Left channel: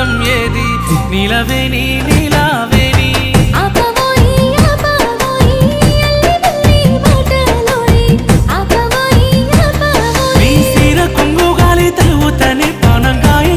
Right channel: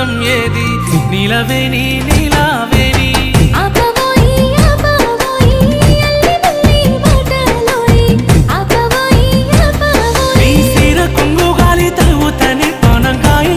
అందం ఏది నీలవేణి నీలావేణి నీ సీర కొంగు గాలి తలువుతని పానం గాయి